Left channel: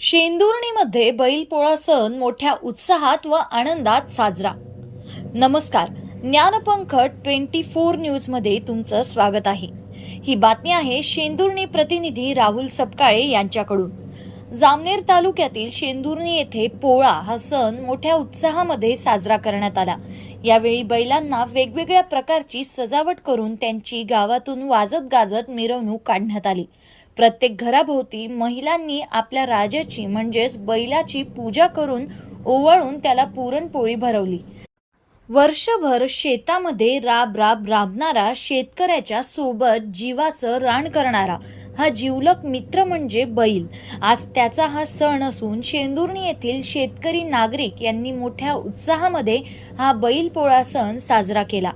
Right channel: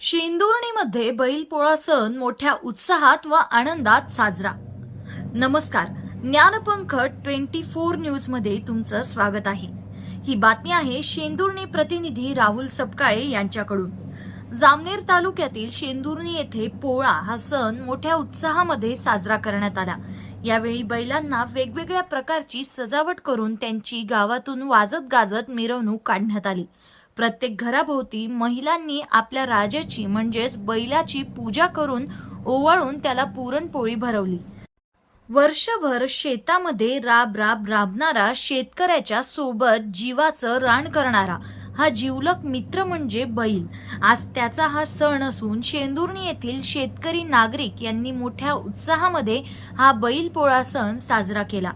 शेंदुर्णीमध्ये बैलपोळा सण मोठ्या उत्साहात व आनंदात साजरा. नमस्कार. ज्ञानपंख ट्वेंटी फोर न्यूजमध्ये तुमचं स्वागत आहे. ही बातमी आहे शेंदुर्णी प्रतिनिधी राहुल सपकाळे यांच्याकडून. जामनेर तालुक्यातील शेंदुर्णी येथे पोळा हा सण मोठ्या उत्साहामध्ये साजरा करण्यात आला. यावेळी बैलांना वेगवेगळ्या प्रकारची सजावट करून त्यांची गावातून वाजत गाजत मिरवणूक काढण्यात आली. प्रत्येक घराभोवती महिलांनी आपल्या राजाची म्हणजेच बैलाची पूजा करून ओवाळून त्याला पुरणपोळी भरवली. वर्षभर शेतामध्ये राब राब राबणारा शेतकऱ्याच्या सोबत जीवाचं रान करणारा हा जीवलक मित्र म्हणजे बैल. आज त्याचा हा सण असून शेंदुर्णी येथील शेतकरी नागरिक यांनी मोठ्या उत्साहामध्ये हा बैल पोळा सण साजरा केला.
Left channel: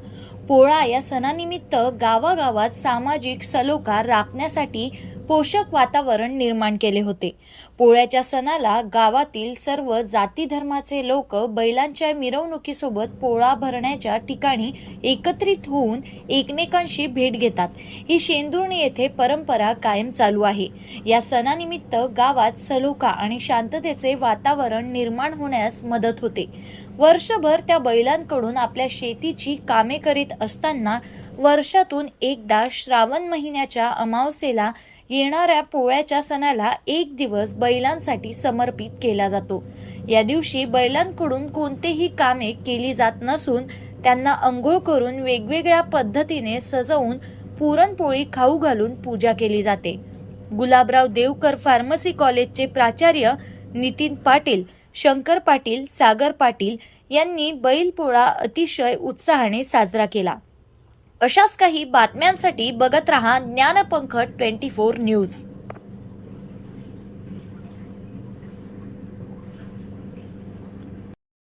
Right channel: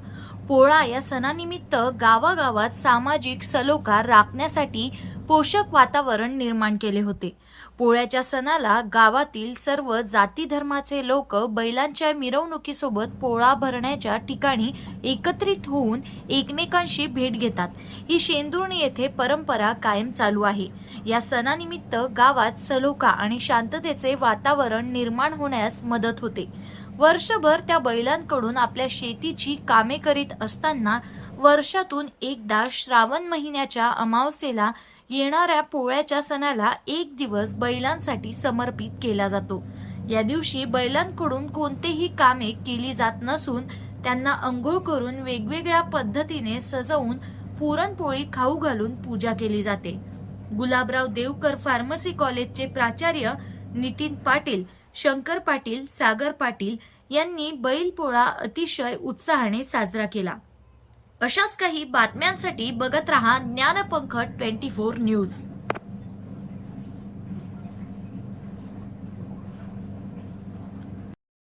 पोळा या सणानिमित्त गावागावात सामाजिक सलोखा राखण्यासाठी पोषक वातावरण निर्माण केले होते. पोळ्याच्या सणाला गावातील सर्व जाती धर्माचे लोक बैलांच्या मिरवणुकीसोबत पोळा भरण्याच्या ठिकाणी एकत्रित होऊन एकमेकांशी भेट घेतात. ही शेंदुर्णी येथे परंपरा कायम चालू आहे. या सणानिमित्त गावात सलोखा आणि शांततेचे वातावरण निर्माण होण्यास मदत होते. वर्षभर त्या बैलांकडून आपल्या शेतीची कामे करीत असताना वर्षातून एकदा श्रावण महिन्याच्या अमावस्येला येणाऱ्या पोळ्याच्या सणाला एक दिवस बैलांसाठी समर्पित केला जातो. या दिवशी बैलांकडून कोणतेही कामे केली जात नसून त्यांना अंघोळ करून वेगवेगळ्या पद्धतीने सजवून पुरणपोळी खाऊ घालून पूजा केली जाते. गुलाबराव देवकर फार्मसी कॉलेजचे प्राचार्य नितीन पाटील शंकर पाटील सागर पाटील यांनी बैलपोळा अतिशय उत्साहाने साजरा केला. अशाच काही बातम्यांसाठी बघत रहा ज्ञानपंख ट्वेंटी फोर न्यूज.